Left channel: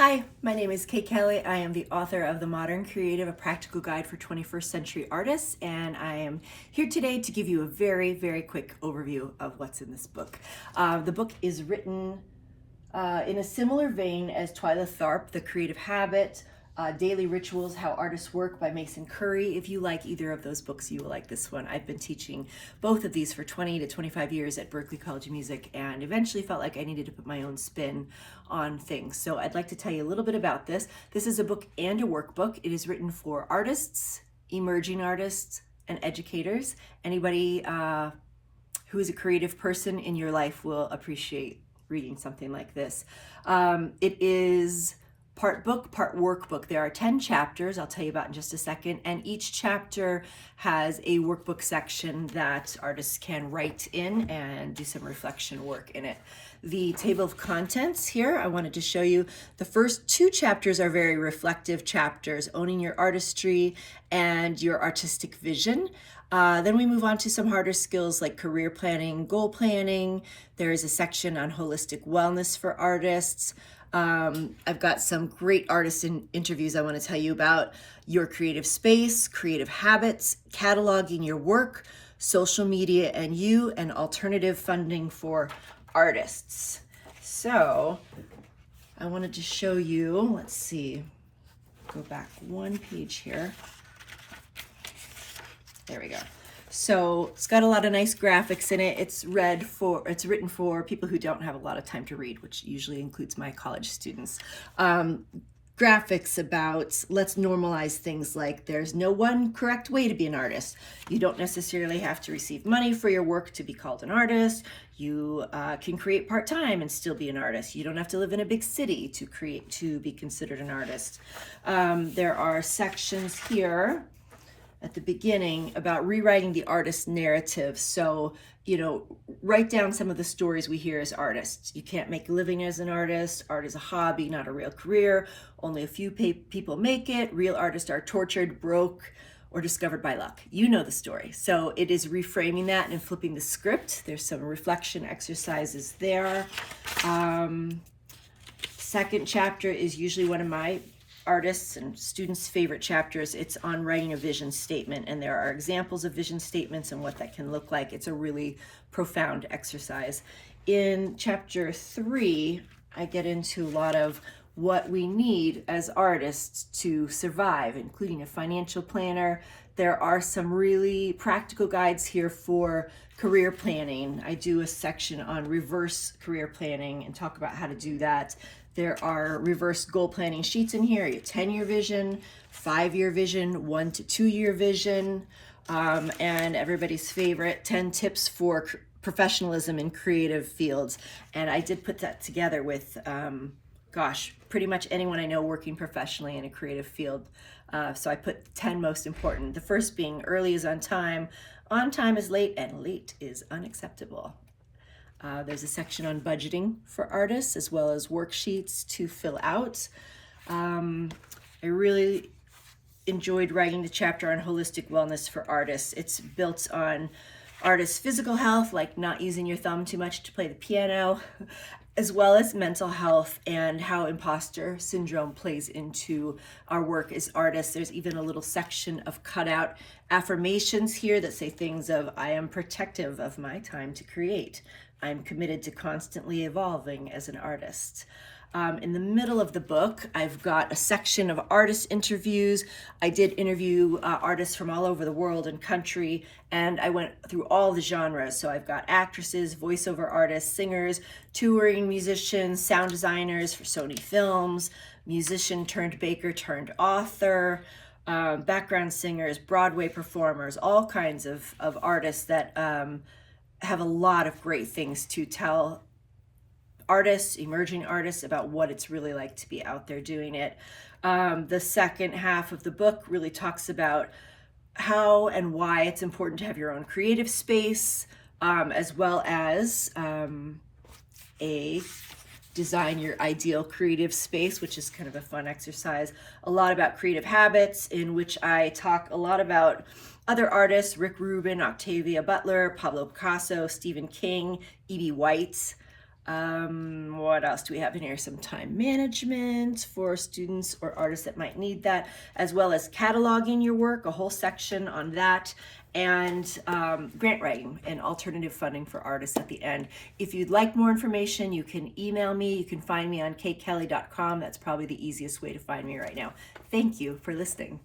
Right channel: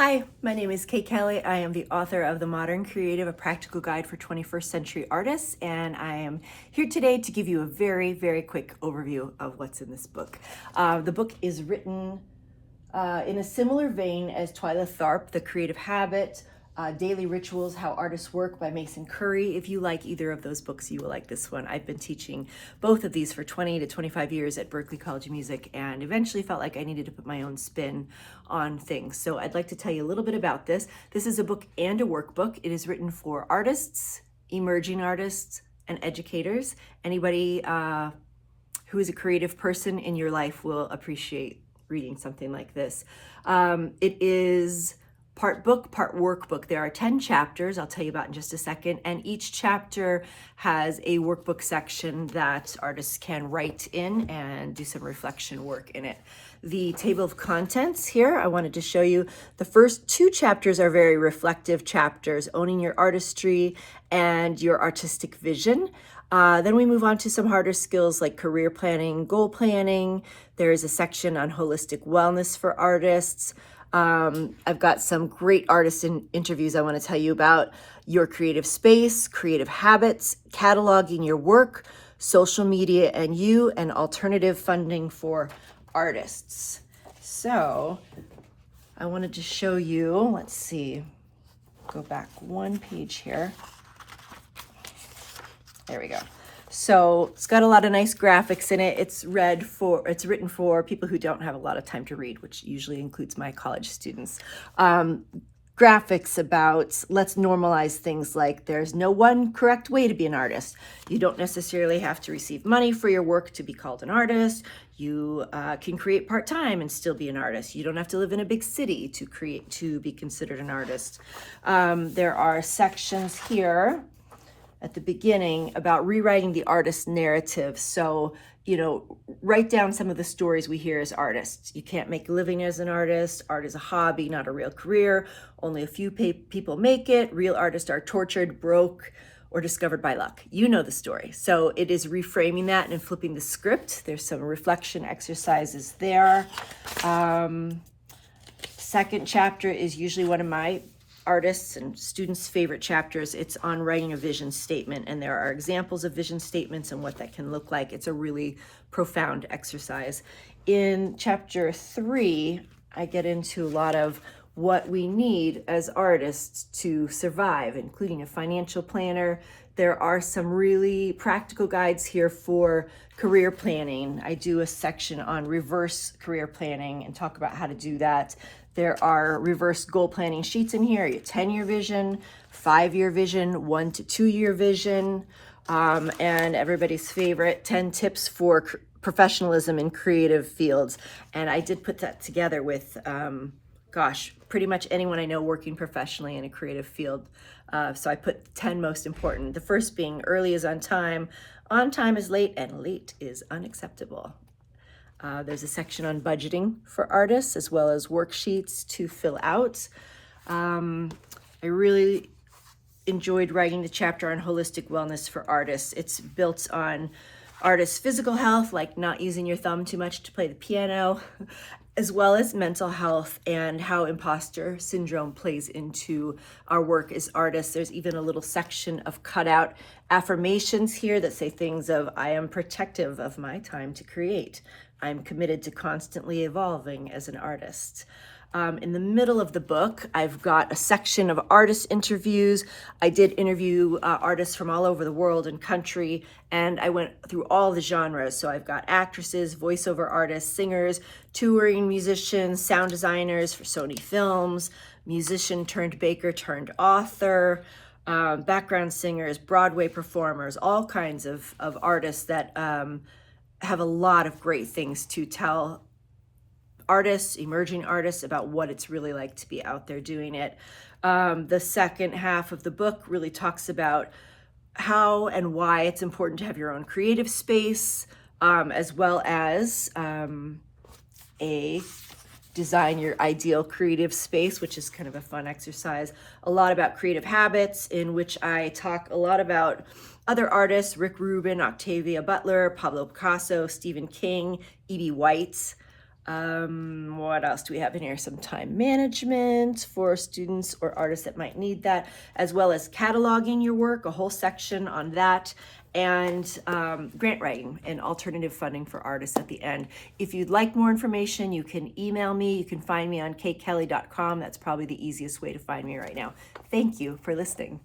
Hi, my name is Kate Kelly. I am the author of The Modern Creative, a practical guide for 21st century artists, and I am here today to give you a very, very quick overview of what's in this book. The book is written in a similar vein as Twyla Tharp, The Creative Habit, Daily Rituals, How Artists Work by Mason Curry. If you like either of those books, you will like this one. I've been teaching both of these for 20 to 25 years at Berklee College of Music and eventually felt like I needed to put my own spin on things. So I'd like to tell you a little bit about this. This is a book and a workbook. It is written for artists, emerging artists, and educators. Anybody who is a creative person in your life will appreciate reading something like this. It is part book, part workbook. There are 10 chapters, I'll tell you about in just a second, and each chapter has a workbook section that artists can write in and do some reflection work in it. The table of contents here, I wanted to show you. The first two chapters are very reflective chapters, owning your artistry and your artistic vision. Then we move on to some harder skills like career planning, goal planning. There is a section on holistic wellness for artists. I've got some great artist interviews I want to tell you about. Your creative space, creative habits, cataloging your work, social media and you, and alternative funding for artists. So I wanted to show you, let's see, go back one page here. There we go. So it's got a lot of nice graphics in it. It's written for people who don't have a lot of time to read, which usually includes my college students. Graphics about, let's normalize things like there's no one correct way to be an artist. You don't necessarily have to receive money for your work to be called an artist. You can create part-time and still be an artist. You don't have to live in a big city to be considered an artist. There are sections here at the beginning about rewriting the artist narrative. So, write down some of the stories we hear as artists. You can't make a living as an artist. Art is a hobby, not a real career. Only a few people make it. Real artists are tortured, broke, or discovered by luck. You know the story. So it is reframing that and flipping the script. There's some reflection exercises there. Second chapter is usually one of my artists and students' favorite chapters. It's on writing a vision statement, and there are examples of vision statements and what that can look like. It's a really profound exercise. In chapter 3, I get into a lot of what we need as artists to survive, including a financial planner. There are some really practical guides here for career planning. I do a section on reverse career planning and talk about how to do that. There are reverse goal planning sheets in here, your 10-year vision, 5-year vision, 1 to 2-year vision, and everybody's favorite, 10 tips for professionalism in creative fields. And I did put that together with, pretty much anyone I know working professionally in a creative field. So I put 10 most important. The first being early is on time is late, and late is unacceptable. There's a section on budgeting for artists as well as worksheets to fill out. I really enjoyed writing the chapter on holistic wellness for artists. It's built on artists' physical health, like not using your thumb too much to play the piano, as well as mental health and how imposter syndrome plays into our work as artists. There's even a little section of cutout affirmations here that say things of, I am protective of my time to create. I'm committed to constantly evolving as an artist. In the middle of the book, I've got a section of artist interviews. I did interview artists from all over the world and country, and I went through all the genres. So I've got actresses, voiceover artists, singers, touring musicians, sound designers for Sony Films, musician turned baker turned author, background singers, Broadway performers, all kinds of artists that have a lot of great things to tell artists, emerging artists, about what it's really like to be out there doing it. The second half of the book really talks about how and why it's important to have your own creative space, as well as design your ideal creative space, which is kind of a fun exercise. A lot about creative habits, in which I talk a lot about other artists, Rick Rubin, Octavia Butler, Pablo Picasso, Stephen King, E.B. White, What else do we have in here? Some time management for students or artists that might need that, as well as cataloging your work, a whole section on that, and grant writing and alternative funding for artists at the end. If you'd like more information, you can email me. You can find me on katekelly.com. That's probably the easiest way to find me right now. Thank you for listening.